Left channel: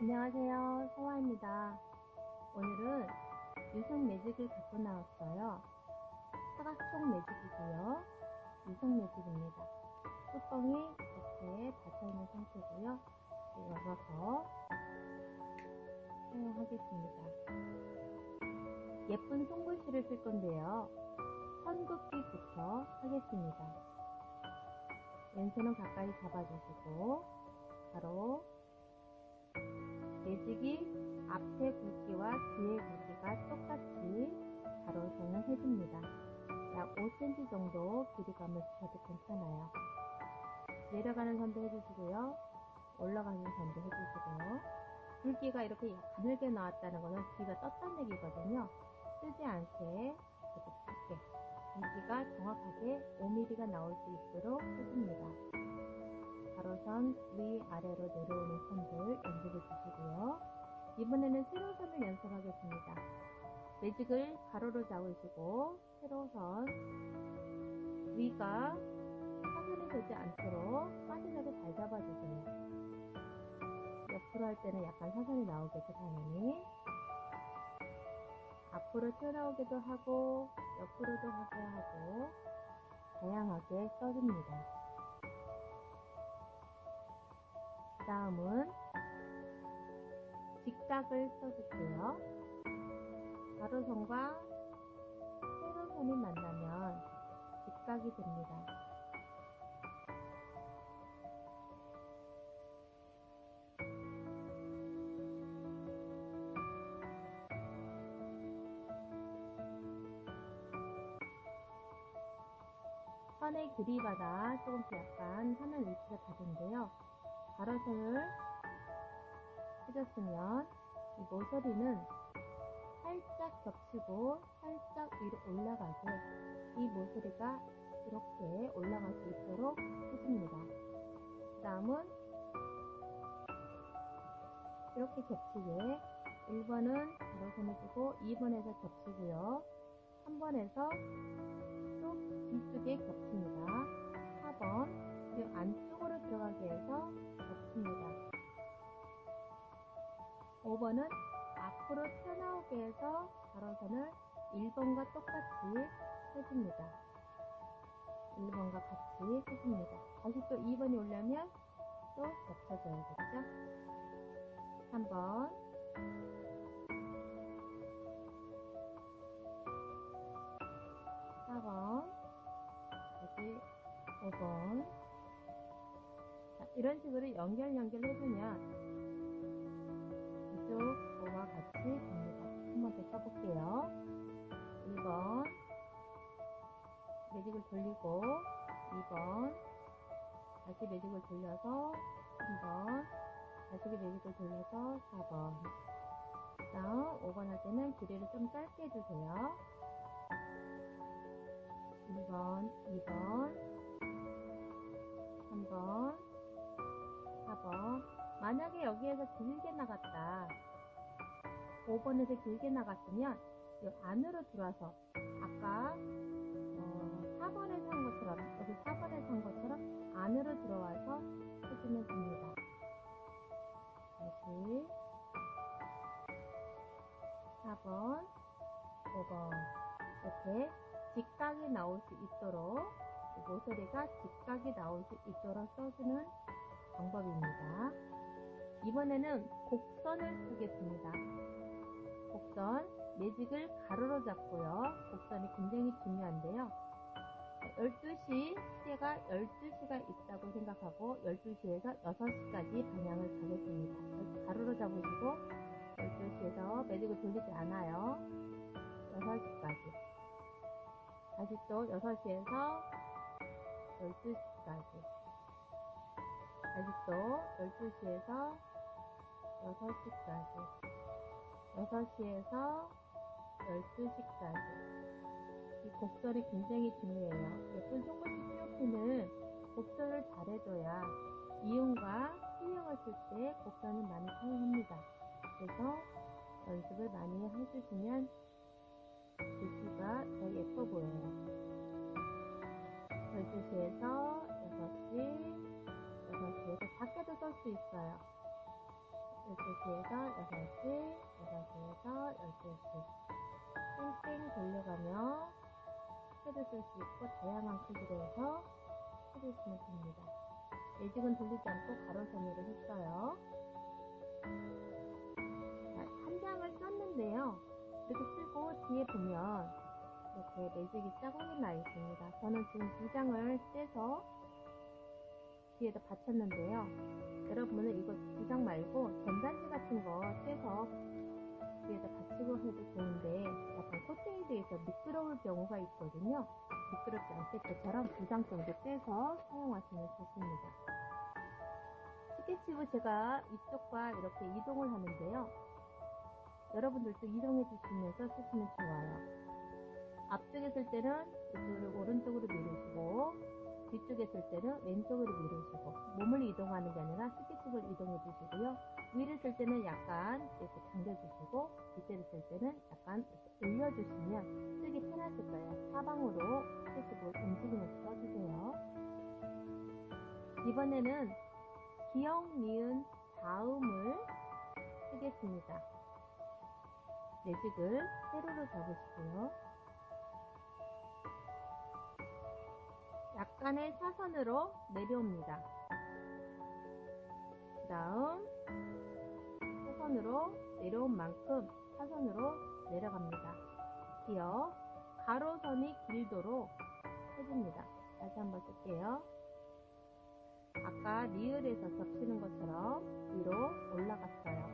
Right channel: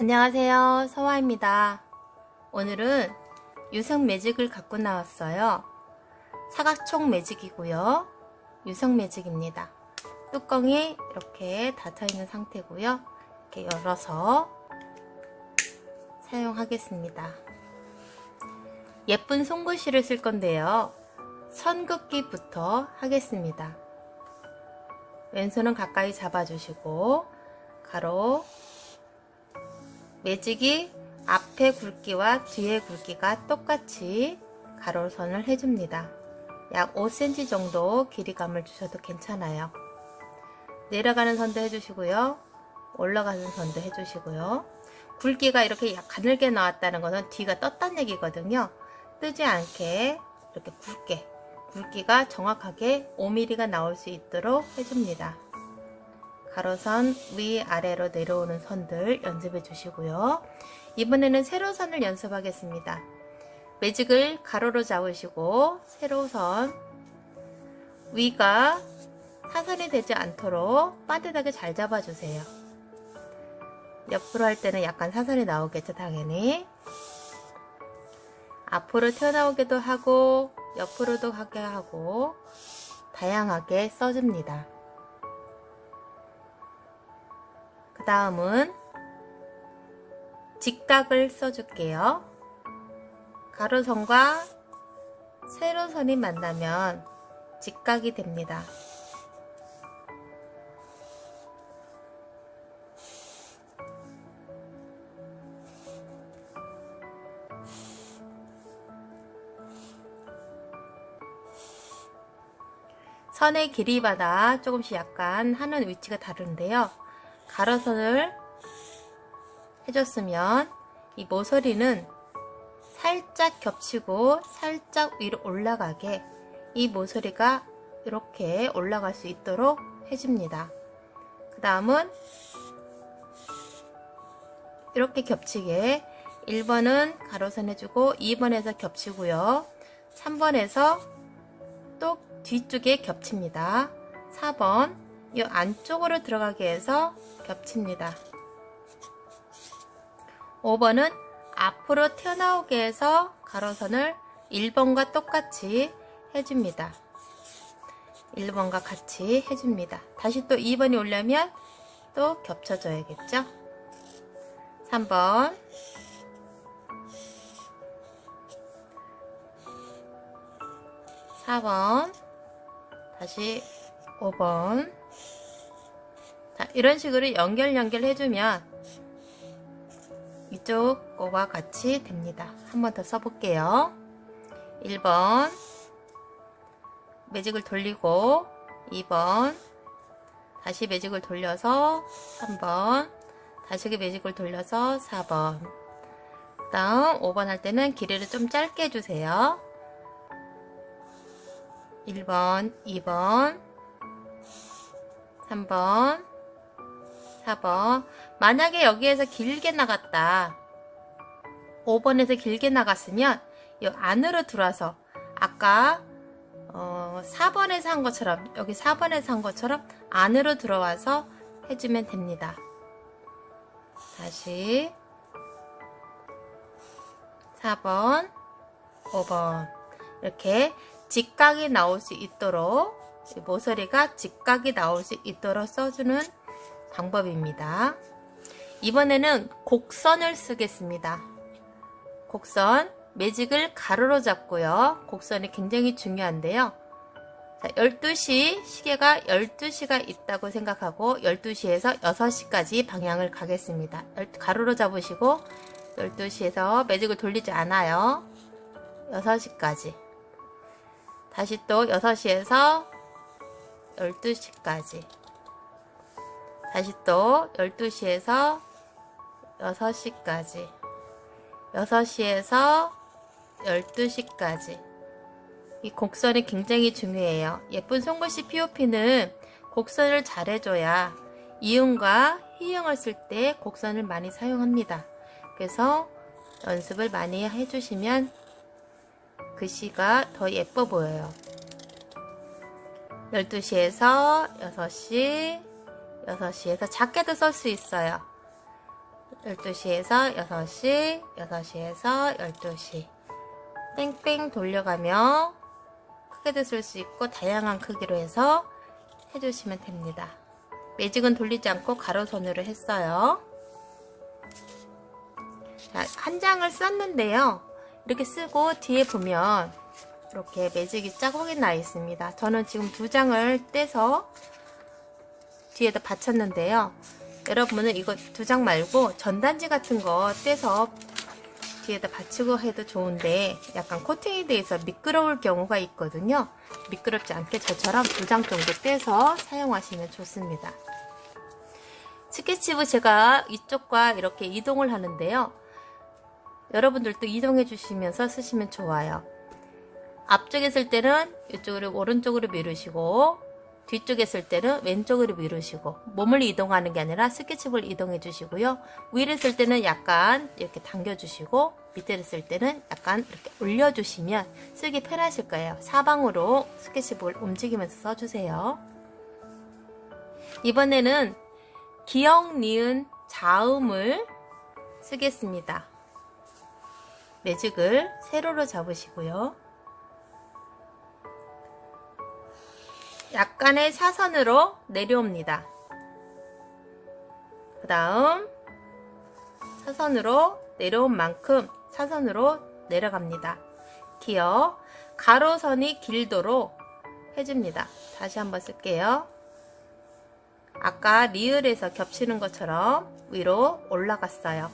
안녕하세요, 서화입니다. 오늘은 유성 매직을 갖고 나왔어요. 사각총 매직이고요. 유성 매직입니다. 뚜껑이 이렇게 닫혀 있는 상태고요. 이렇게 열어서 사용하겠습니다. 예쁜 손글씨를 쓸 건데요. 선긋기부터 하겠습니다. 왼손은 가까이 잡아주시고 가로 매직이 앞에 굵기와 뒤에 굵기가 똑같이 가로선을 해줍니다. 약 5cm 정도 길이감을 주셔도 괜찮아요. 내려가는 선도 해주시고요. 올라가는 선도 해주시고요. 굵기가 이렇게 약 가늘게 나왔다는 것은 뒤가 떴다는 얘기거든요. 뜨지 않게 이렇게 굵기가 정확하게 5mm가 나올 수 있도록 해줍니다. 가로선 위아래로 내려오는 선들 연습해 주시고요. 이번에는 세로선을 연습하겠습니다. 매직을 가로로 잡으시고 세로선 위가 사선이 되지 않도록 반듯하게 잘 잡아주세요. 옆으로 할 때는 약간 사선이 나오겠죠, 당연히. 앞으로 튀어나오기도 하고 옆으로도 하게 하고 다양하게 써줍니다. 그 다음은 직각을 써줄게요. 가로선과 세로선이 만나면 직각이 됩니다. 선의 길이마다 조금씩 약간 하는 위치가 다른데요. 가로선을 해줬으면 이 모서리는 살짝 겹치고 살짝 위로 올라가게 이 모서리가 이렇게 올라갈 수 있도록 해줍니다. 그 다음은 이렇게 겹치게 1번은 가로선 해주고 2번에서 겹치고요. 3번에서 또 뒤쪽에 겹칩니다. 4번 이 안쪽으로 들어가게 해서 겹칩니다. 5번은 앞으로 튀어나오게 해서 가로선을 1번과 똑같이 해줍니다. 1번과 같이 해줍니다. 다시 또 2번이 오려면 또 겹쳐줘야겠죠. 3번 4번 다시 5번 자, 이런 식으로 연결해주면 이쪽 거와 같이 됩니다. 한 번 더 써볼게요. 1번 매직을 돌리고 2번 다시 매직을 돌려서 3번 다시 매직을 돌려서 4번 그 다음 5번 할 때는 길이를 좀 짧게 해주세요. 1번 2번 3번 4번 만약에 여기에서 길게 나갔다 5번에서 길게 나갔으면 이 안으로 들어와서 아까 4번에서 한 것처럼 여기 4번에서 한 것처럼 안으로 들어와서 해주면 됩니다. 다시 4번 5번 이렇게 직각이 나올 수 있도록 모서리가 직각이 나올 수 있도록 써주는 방법입니다. 이번에는 곡선을 쓰겠습니다. 곡선 매직을 가로로 잡고요. 곡선이 굉장히 중요한데요. 자, 12시 시계가 12시가 있다고 생각하고 12시에서 6시까지 방향을 가겠습니다. 가로로 잡으시고 12시에서 매직을 돌리지 않아요. 6시까지 다시 또 6시에서 12시까지 다시 또 12시에서 6시까지 6시에서 12시까지 이 곡선이 굉장히 중요해요. 예쁜 손글씨 POP는 곡선을 잘 해줘야 이음과 희음을 쓸 때 곡선을 많이 사용합니다. 그래서 연습을 많이 해주시면 글씨가 더 예뻐 보여요. 12시에서 6시 6시에서 작게도 쓸 수 있어요. 12시에서 6시, 6시에서 12시. 뺑뺑 돌려가며 크게도 쓸 수 있고 다양한 크기로 해서 해주시면 됩니다. 매직은 돌리지 않고 가로선으로 했어요. 자, 한 장을 썼는데요. 이렇게 쓰고 뒤에 보면 이렇게 매직이 자국이 나 있습니다. 저는 지금 2장을 떼서 뒤에다 받쳤는데요. 여러분은 이거 2장 말고 전단지 같은 거 떼서 뒤에다 받치고 해도 좋은데 약간 코팅이 돼서 미끄러울 경우가 있거든요. 미끄럽지 않게 저처럼 2장 정도 떼서 사용하시면 좋습니다. 스케치북 제가 이쪽과 이렇게 이동을 하는데요. 여러분들도 이동해 주시면서 쓰시면 좋아요. 앞쪽에 쓸 때는 이쪽으로 오른쪽으로 미루시고 뒤쪽에 쓸 때는 왼쪽으로 미루시고 몸을 이동하는 게 아니라 스케치북을 이동해 주시고요. 위를 쓸 때는 약간 이렇게 당겨 주시고 밑에를 쓸 때는 약간 이렇게 올려 주시면 쓰기 편하실 거예요. 사방으로 스케치북을 움직이면서 써주세요. 이번에는 기역, 니은, 자음을 쓰겠습니다. 매직을 세로로 잡으시고요. 약간의 사선으로 내려옵니다. 그 다음 사선으로 내려온 만큼 사선으로 내려갑니다. 기역, 가로선이 길도록 해줍니다. 다시 한번 쓸게요. 아까 리을에서 겹치는 것처럼 위로 올라갔어요.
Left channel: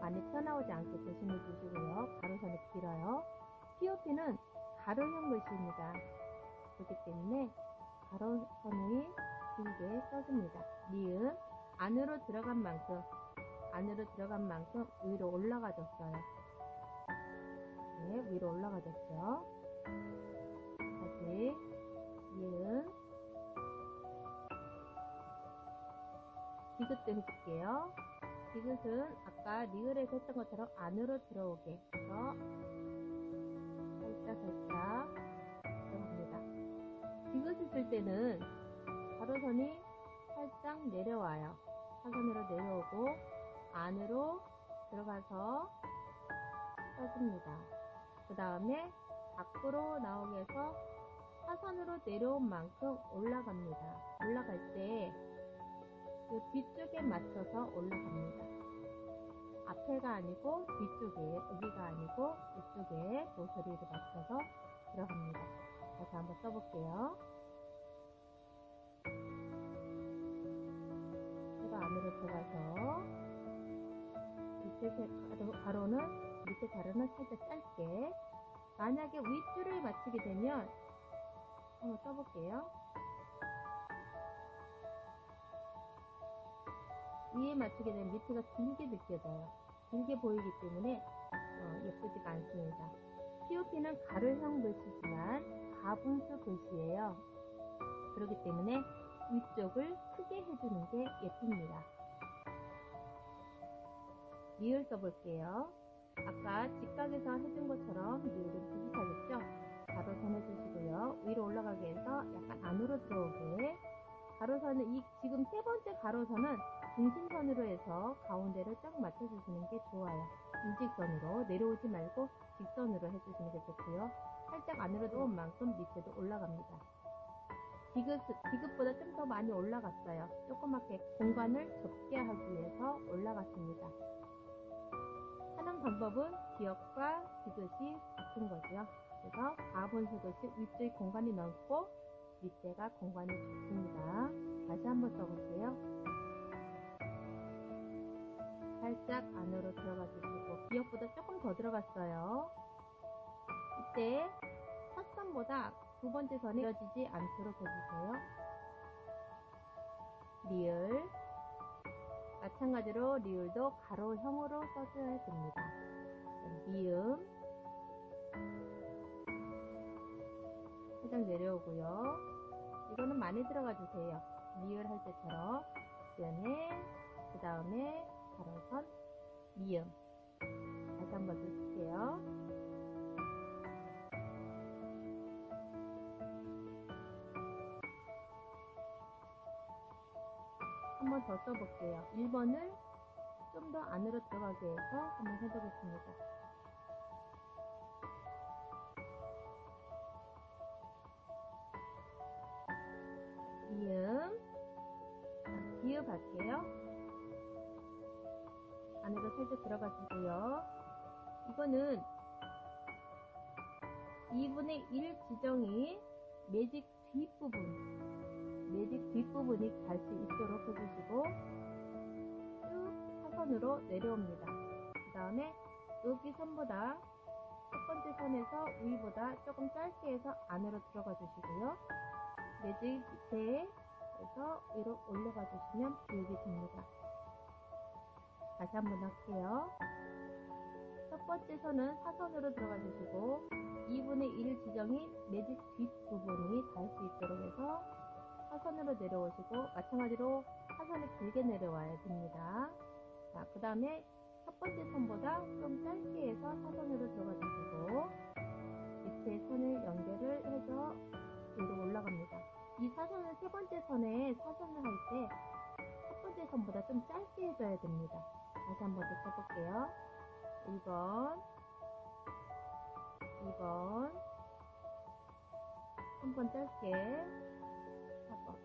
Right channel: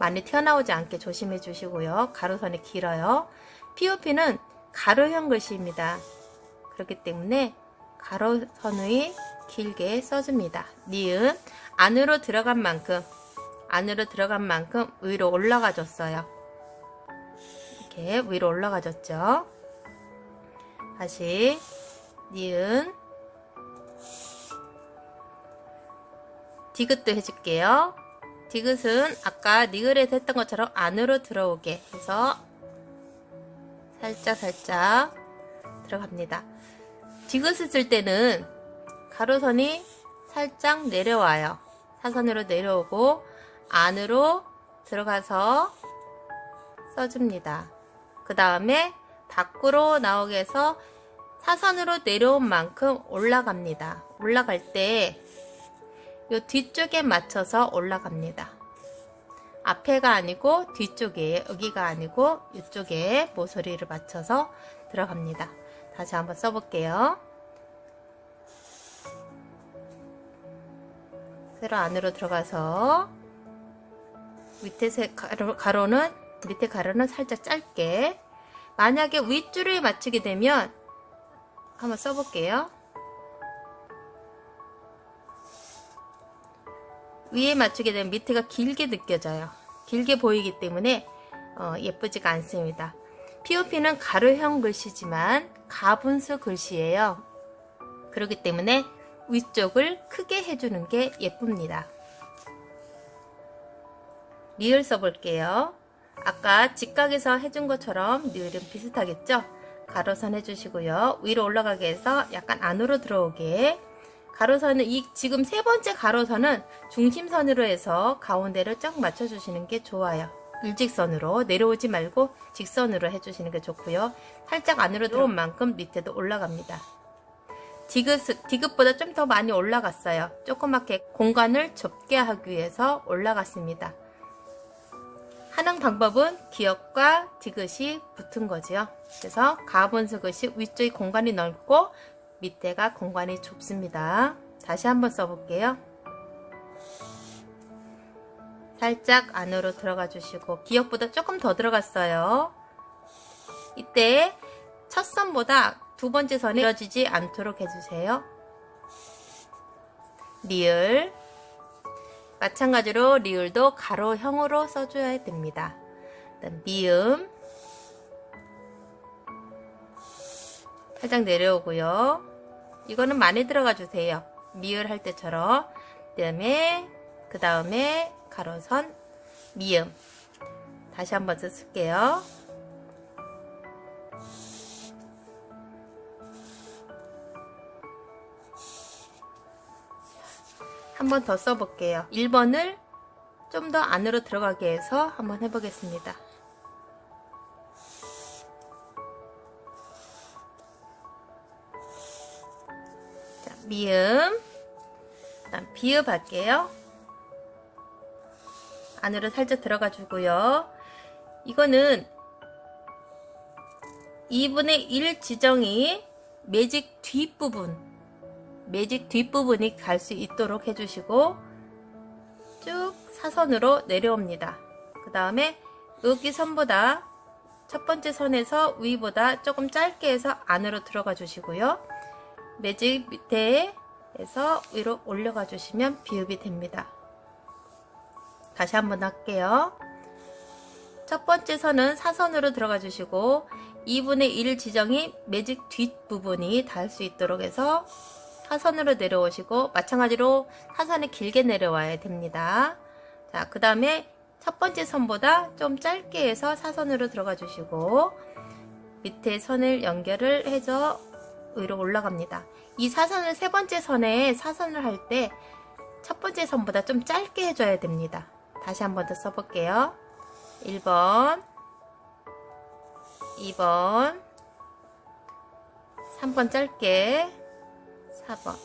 많이 튀어나오지 않게 조심해 주시고요. 가로선이 길어요. POP는 가로형 글씨입니다. 그렇기 때문에 가로선의 길게 써줍니다. 니은 안으로 들어간 만큼 위로 올라가 줬어요. 이렇게 위로 올라가 줬죠. 다시 니은 디귿도 해줄게요. 디귿은 아까 니을에서 했던 것처럼 안으로 들어오게 해서 살짝 들어갑니다. 디귿을 쓸 때는 가로선이 살짝 내려와요. 사선으로 내려오고 안으로 들어가서 써줍니다. 그 다음에 밖으로 나오게 해서 사선으로 내려온 만큼 올라갑니다. 올라갈 때 이 뒤쪽에 맞춰서 올라갑니다. 앞에가 아니고 뒤쪽에, 여기가 아니고 이쪽에 모서리를 맞춰서 들어갑니다. 다시 한번 써볼게요. 세로 안으로 들어가서 밑에 밑에 가로는 살짝 짧게. 만약에 윗줄을 맞추게 되면 한번 써볼게요. 위에 맞추게 되면 밑에가 길게 느껴져요. 길게 보이기 때문에 예쁘지가 않습니다. POP는 가로형 글씨지만 가분수 글씨예요. 그렇기 때문에 위쪽을 크게 해주는 게 예쁩니다. 리을 써볼게요. 아까 직각에서 해준 것처럼 리을은 비슷하겠죠? 가로선 해주시고요. 위로 올라가게 해서 약간 안으로 들어오게. 가로선은 지금 3번째 가로선은 중심선으로 해서 가운데를 쫙 맞춰주시는 게 좋아요. 일직선으로 내려오지 말고 직선으로 해주시는 게 좋고요. 살짝 안으로 들어온 만큼 밑에도 올라갑니다. 디귿보다 좀 더 많이 올라갔어요. 조그맣게 공간을 좁게 하기 위해서 올라갔습니다. 하는 방법은 기역과 디귿이 붙은 거죠. 그래서 가분수 글씨 위쪽이 공간이 넓고 밑에가 공간이 좁습니다. 다시 한번 써볼게요. 살짝 안으로 들어가 주시고 기역보다 조금 더 들어갔어요. 이때 첫 선보다 2번째 선이 길어지지 않도록 해주세요. 리을 마찬가지로 리을도 가로형으로 써줘야 됩니다. 미음 살짝 내려오고요. 이거는 많이 들어가 주세요. 미을 할 때처럼. 그 다음에 가로선 미음 다시 한번 쓸게요. 한 번 더 써볼게요. 1번을 좀 더 안으로 들어가게 해서 한번 해보겠습니다. 자, 미음, 그다음 비읍 할게요. 안으로 살짝 들어가 주고요. 이거는 2분의 1 지정이 매직 뒷부분이 갈 수 있도록 해주시고 쭉 사선으로 내려옵니다. 그 다음에 여기 선보다 첫 번째 선에서 위보다 조금 짧게 해서 안으로 들어가 주시고요. 매직 밑에에서 위로 올려가 주시면 비읍이 됩니다. 다시 한번 할게요. 첫 번째 선은 사선으로 들어가 주시고 2분의 1 지정이 매직 뒷부분이 닿을 수 있도록 해서 사선으로 내려오시고 마찬가지로 사선이 길게 내려와야 됩니다. 자, 그 다음에 첫 번째 선보다 좀 짧게 해서 사선으로 들어가 주시고 밑에 선을 연결을 해서 위로 올라갑니다. 이 사선을 세 번째 선에 사선을 할 때 첫 번째 선보다 좀 짧게 해줘야 됩니다. 다시 한 번 더 써볼게요. 1번, 2번, 3번 짧게, 4번.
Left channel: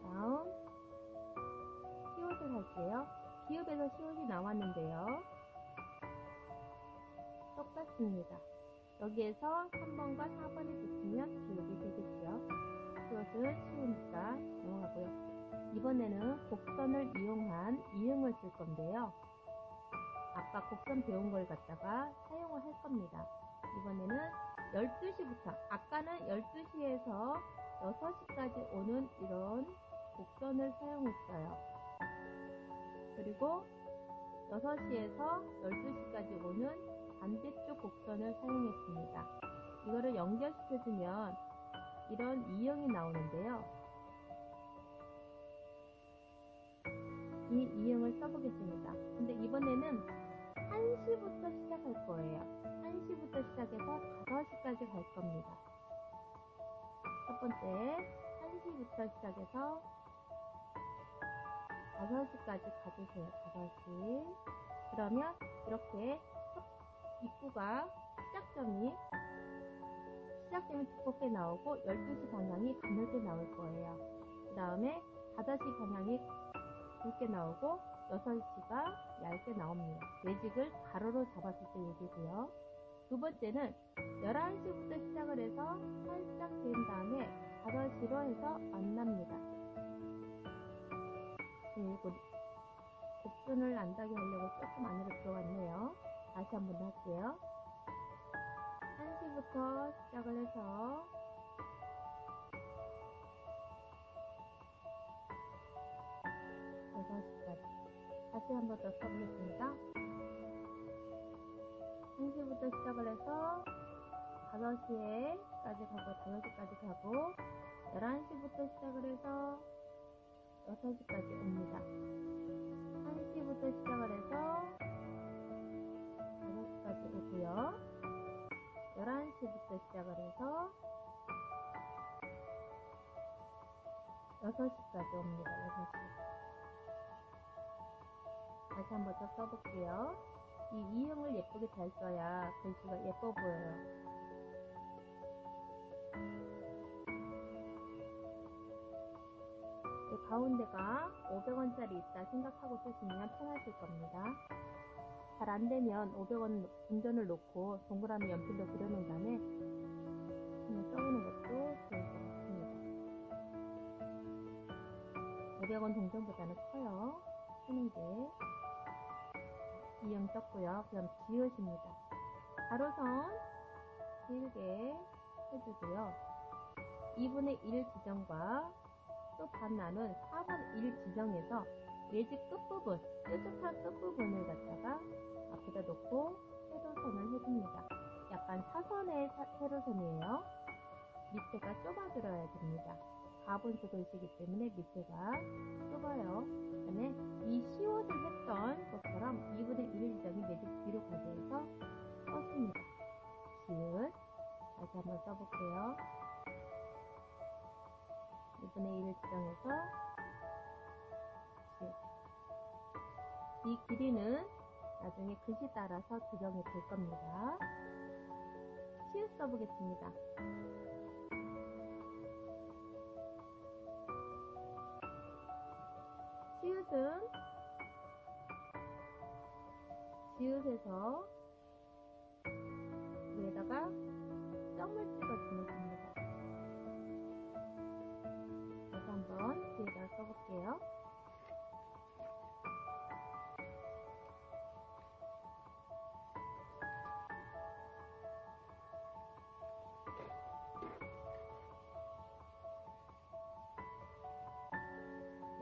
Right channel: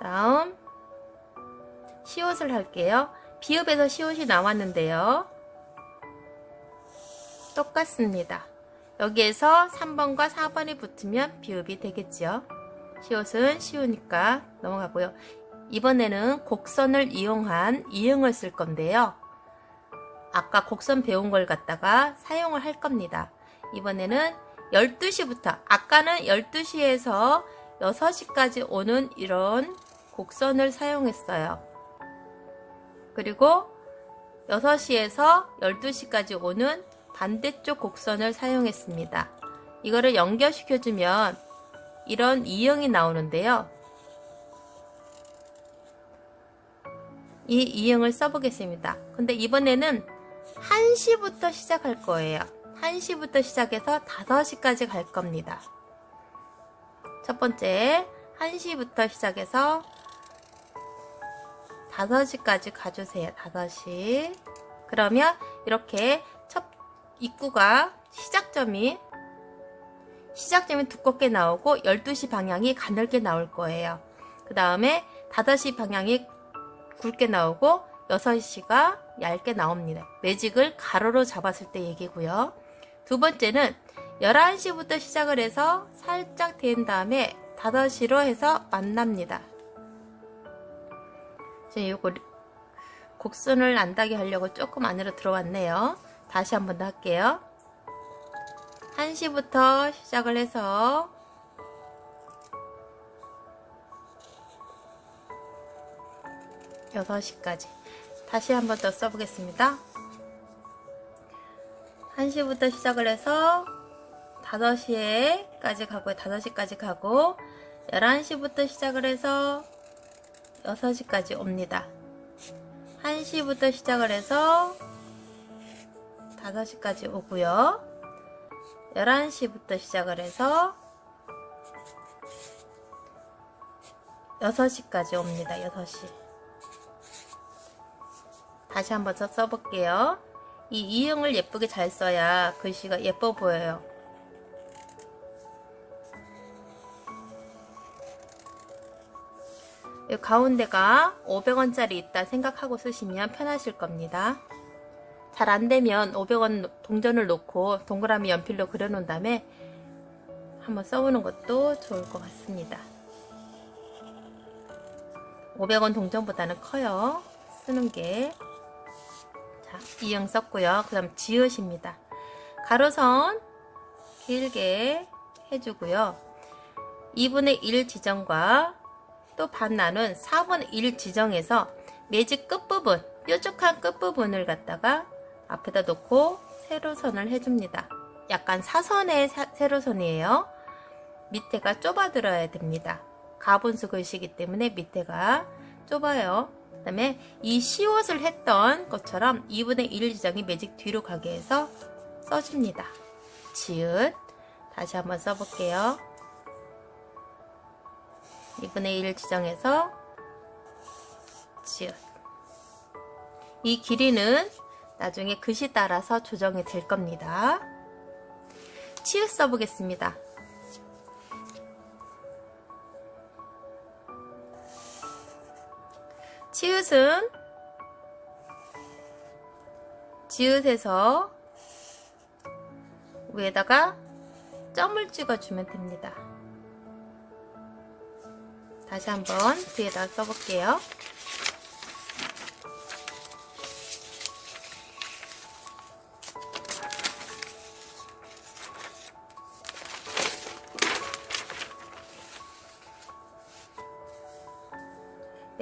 다음 시옷을 할게요. 비읍에서 시옷이 나왔는데요. 똑같습니다. 여기에서 3번과 4번이 붙으면 비읍이 되겠죠. 시옷은 쉬우니까 넘어가고요. 이번에는 곡선을 이용한 이응을 쓸 건데요. 아까 곡선 배운 걸 갖다가 사용을 할 겁니다. 이번에는 12시부터, 아까는 12시에서 6시까지 오는 이런 곡선을 사용했어요. 그리고 6시에서 12시까지 오는 반대쪽 곡선을 사용했습니다. 이거를 연결시켜주면 이런 이응이 나오는데요. 이 이응을 써보겠습니다. 근데 이번에는 1시부터 시작할 거예요. 1시부터 시작해서 5시까지 갈 겁니다. 첫 번째 1시부터 시작해서 5시까지 가주세요. 5시. 그러면 이렇게 첫 입구가 시작점이 두껍게 나오고 12시 방향이 가늘게 나올 거예요. 그 다음에 5시 방향이 굵게 나오고 6시가 얇게 나옵니다. 매직을 가로로 잡았을 때 얘기고요. 두 번째는 11시부터 시작을 해서 살짝 된 다음에 5시로 해서 만납니다. 지금 이거 곡선을 안 닿게 하려고 조금 안으로 들어왔네요. 다시 한번 더 할게요. 1시부터 시작을 해서 6시까지 다시 한번 더 써보겠습니다. 1시부터 시작을 해서 5시까지 가고요. 5시까지 가고 11시부터 시작을 해서 6시까지 옵니다. 1시부터 시작을 해서 5시까지 오고요. 11시부터 시작을 해서 6시까지 옵니다. 6시. 다시 한번 더 써볼게요. 이 이응을 예쁘게 잘 써야 글씨가 예뻐 보여요. 이 가운데가 500원짜리 있다 생각하고 쓰시면 편하실 겁니다. 잘 안되면 500원 동전을 놓고 동그라미 연필로 그려놓은 다음에 한번 써보는 것도 좋을 것 같습니다. 500원 동전보다는 커요. 쓰는 게. 자, 이응 썼고요. 그 다음 지읒입니다. 가로선 길게 해주고요. 2분의 1 지정과 또 반 나눈 4분의 1 지정에서 매직 끝부분, 뾰족한 끝부분을 갖다가 앞에다 놓고 세로선을 해줍니다. 약간 사선의 세로선이에요. 밑에가 좁아들어야 됩니다. 가분수 글씨이기 때문에 밑에가 좁아요. 그 다음에 이 시옷을 했던 것처럼 2분의 1 지정이 매직 뒤로 가게 해서 써줍니다. 지읒. 다시 한번 써볼게요. 2분의 1 지정해서 이 길이는 나중에 글씨 따라서 조정이 될 겁니다. 치읓 써보겠습니다. 치읓은 지읒에서 위에다가 점을 찍어주면 됩니다. 다시 한번 뒤에다 써볼게요.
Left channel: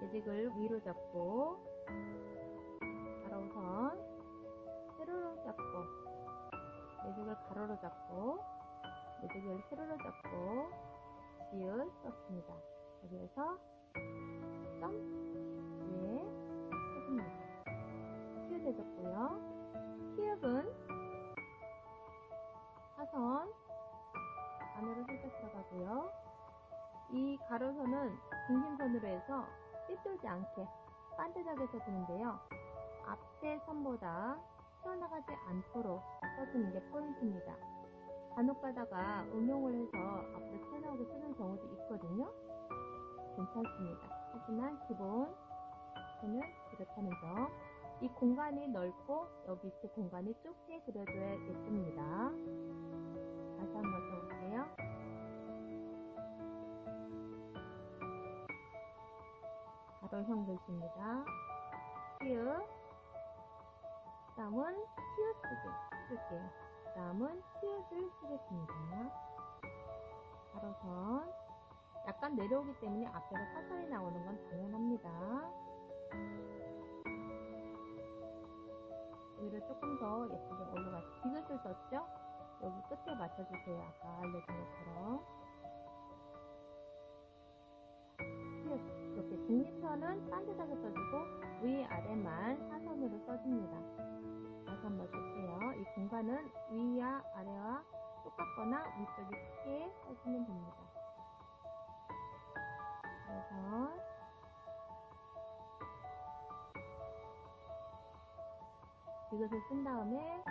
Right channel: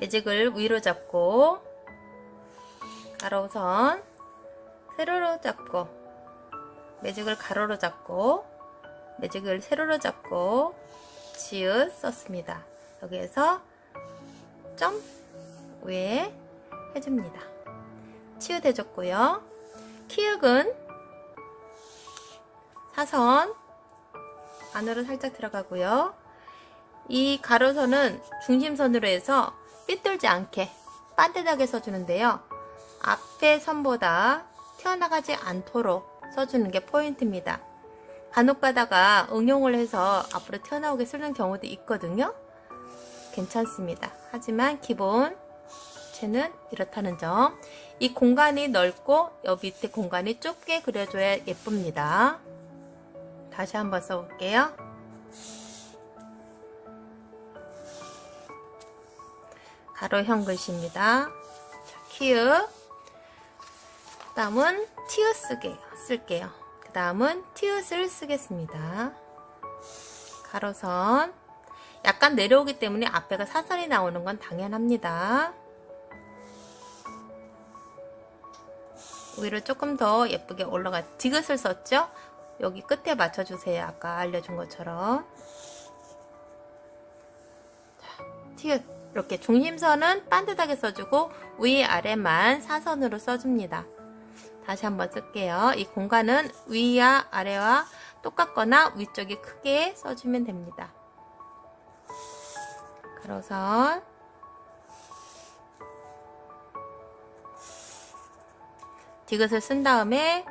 매직을 위로 잡고 가로선 세로로 잡고 매직을 가로로 잡고 매직을 세로로 잡고 지읒 썼습니다. 여기에서 점 위에 해줍니다. 치읓 해줬고요. 키읔은 사선 안으로 살짝 들어가고요. 이 가로선은 중심선으로 해서 삐뚤지 않게 반듯하게 써주는데요. 앞에 선보다 튀어나가지 않도록 써주는 게 포인트입니다. 간혹 가다가 응용을 해서 앞으로 튀어나오게 쓰는 경우도 있거든요. 괜찮습니다. 하지만 기본체는 이렇다는 점. 이 공간이 넓고 옆 밑에 공간이 좁게 그려줘야 예쁩니다. 다시 한번 써볼게요. 가로형 글씨입니다. 자, 키읔. 그 다음은 티읕 쓸게요. 그 다음은 티읕을 쓰겠습니다. 가로선. 약간 내려오기 때문에 앞에가 사선이 나오는 건 당연합니다. 위로 조금 더 예쁘게 올라가. 디귿을 썼죠? 여기 끝에 맞춰주세요. 아까 알려준 것처럼. 자, 티읕. 이렇게 중심선은 반듯하게 써주고 위아래만 사선으로 써줍니다. 다시 한번 쓸게요. 이 공간은 위와 아래와 똑같거나 위쪽이 크게 써주면 됩니다. 가로선 디귿을 쓴 다음에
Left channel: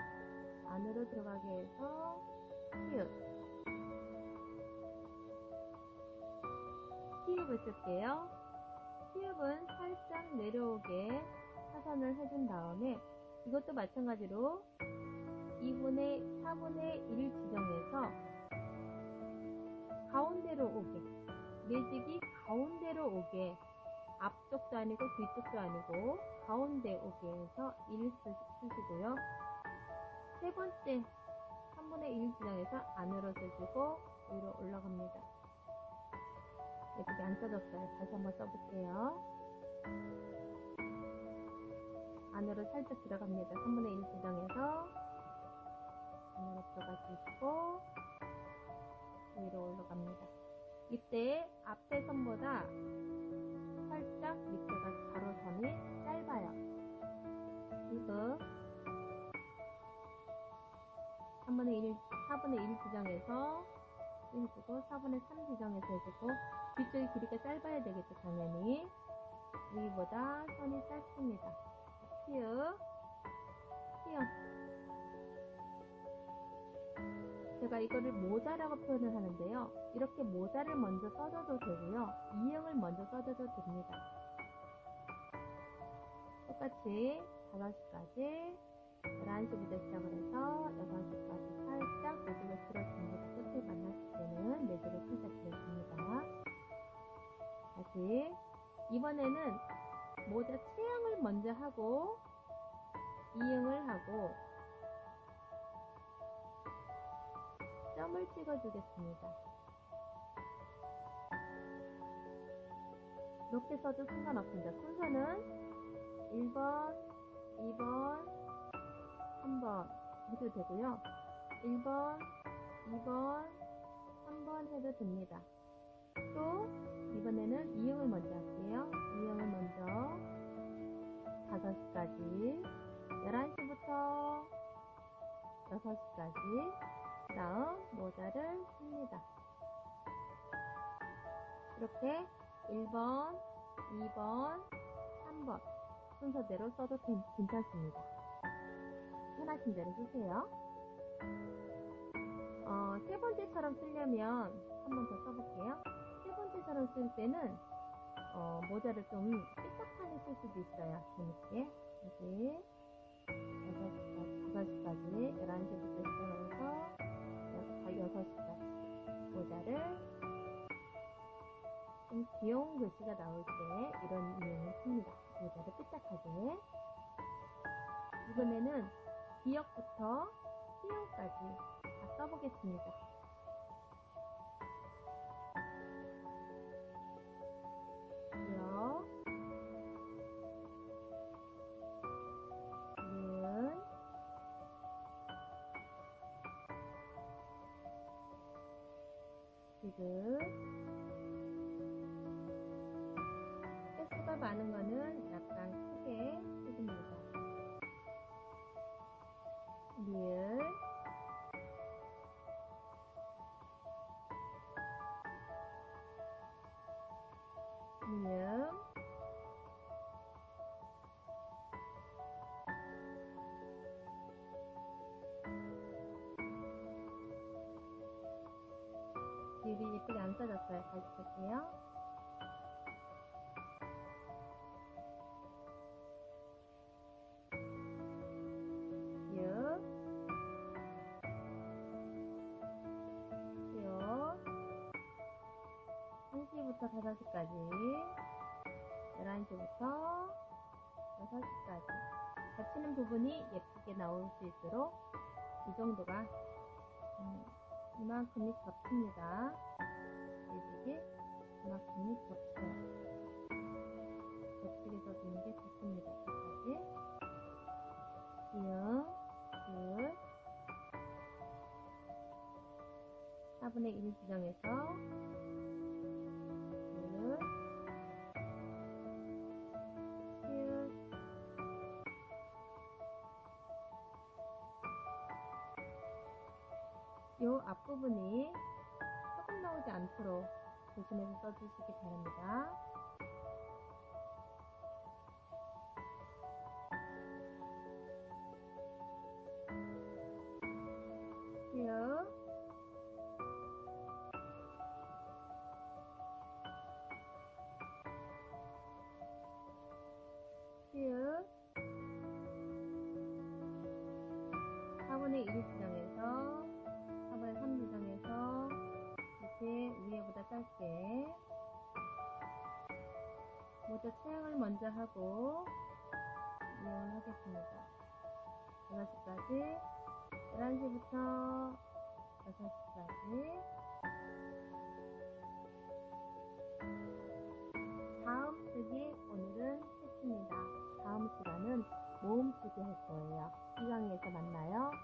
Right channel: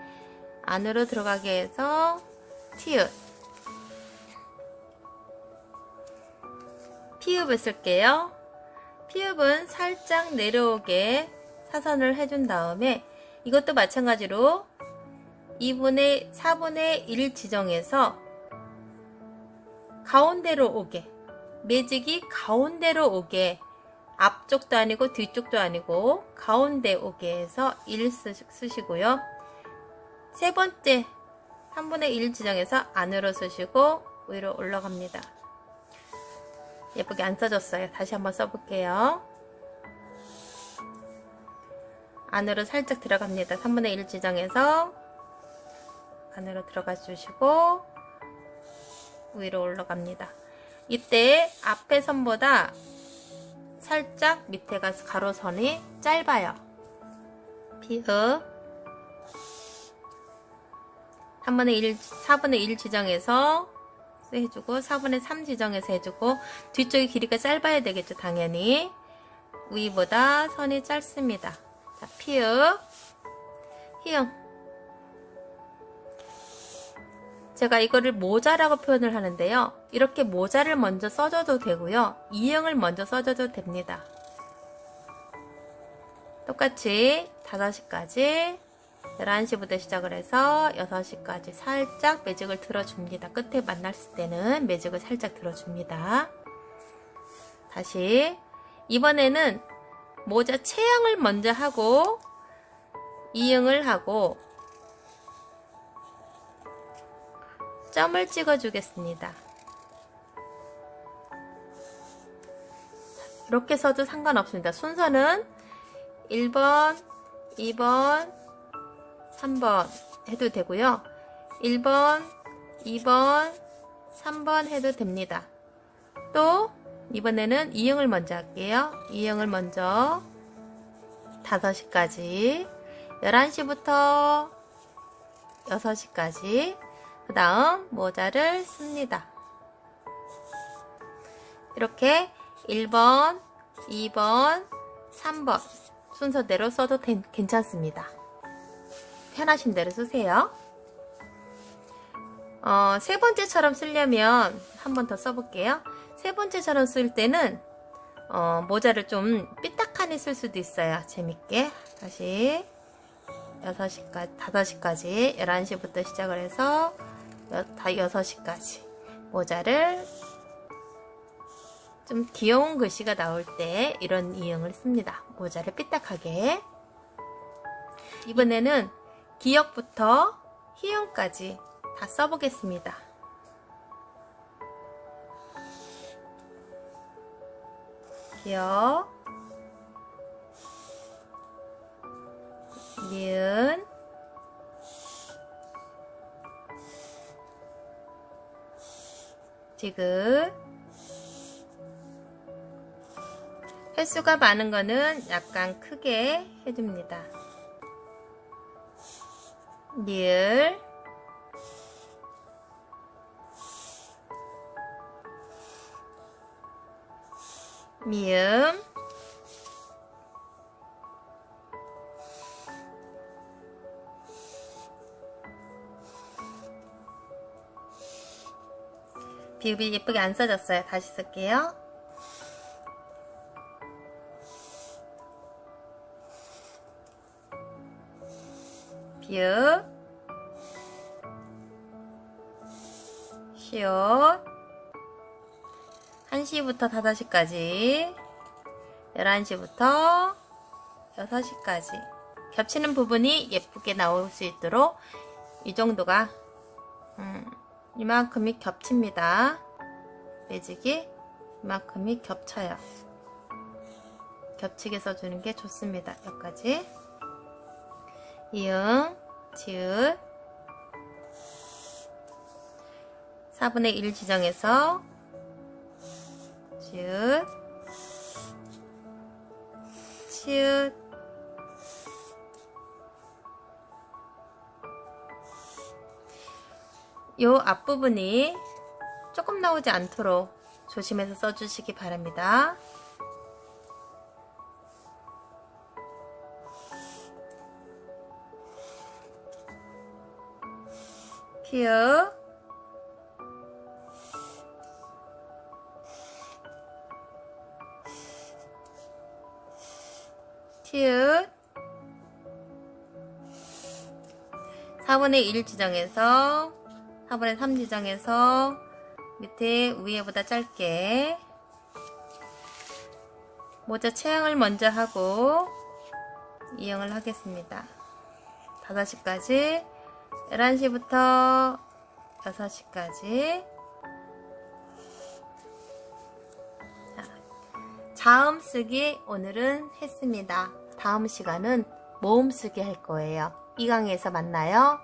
안으로 들어가게 해서 티읕 피읕을 쓸게요. 피읕은 살짝 내려오게 사선을 해준 다음에 이것도 마찬가지로 4분의 1 지정해서 가운데로 오게 매직이 가운데로 오게 앞쪽도 아니고 뒤쪽도 아니고 가운데 오게 해서 1 쓰시고요. 세 번째 3분의 1 지정해서 안으로 쓰시고 위로 올라갑니다. 예쁘게 안 써졌어요. 다시 한번 써볼게요. 안으로 살짝 들어갑니다. 3분의 1 지정해서 안으로 들어가 주시고 위로 올라갑니다. 이때 앞에 선보다 살짝 밑에가 가로선이 짧아요. 피읒 4분의 1 지정해서 해주고 4분의 3 지정해서 해주고 뒤쪽의 길이가 짧아야 되겠죠. 당연히 위보다 선이 짧습니다. 자, 피읒 히읗. 제가 이거를 모자라고 표현을 하는데요. 이렇게 모자를 먼저 써줘도 되고요. 이응을 먼저 써줘도 됩니다. 똑같이 5시까지 11시부터 시작을 해서 6시까지 살짝 매직을 들어줍니다. 끝에 만났을 때는 매직을 살짝 들어줍니다. 다시 이번에는 모자 체형을 먼저 하고 이응을 하고 점을 찍어 주겠습니다. 이렇게 써도 상관없습니다. 순서는 1번, 2번, 3번 해도 되고요. 1번, 2번, 3번 해도 됩니다. 또 이번에는 이응을 먼저 할게요. 이응을 먼저 5시까지 11시부터 6시까지 그 다음 모자를 씁니다. 이렇게 1번, 2번, 3번 순서대로 써도 괜찮습니다. 편하신 대로 쓰세요. 세 번째처럼 쓰려면 한 번 더 써볼게요. 세 번째처럼 쓸 때는 모자를 좀 삐딱하니 쓸 수도 있어요. 재밌게. 다시 6시까지, 5시까지 11시부터 시작을 해서 6시까지 모자를 좀 귀여운 글씨가 나올 때 이런 이응을 씁니다. 모자를 삐딱하게. 이번에는 기역부터 희응까지 다 써보겠습니다. 기역, 니은, 지읒. 횟수가 많은 거는 약간 크게 해줍니다. 니을, 미음, 비읍이 예쁘게 안 써졌어요. 다시 쓸게요. 비읍, 시옷, 1시부터 5시까지, 11시부터 6시까지 겹치는 부분이 예쁘게 나올 수 있도록 이 정도가 이만큼이 겹칩니다. 매직이 이만큼이 겹쳐요. 겹치게 써주는 게 좋습니다. 여기까지. 이응, 지읒, 4분의 1 지정해서 지읒, 치읒, 요 앞부분이 조금 나오지 않도록 조심해서 써주시기 바랍니다. 피읍, 티읕, 4분의 1 지정해서 4분의 3 지정해서 밑에 위에보다 짧게 모자 체형을 먼저 하고 이응을 하겠습니다. 5시까지, 11시부터 6시까지. 자음 쓰기 오늘은 했습니다. 다음 시간은 모음 쓰기 할 거예요. 이 강의에서 만나요.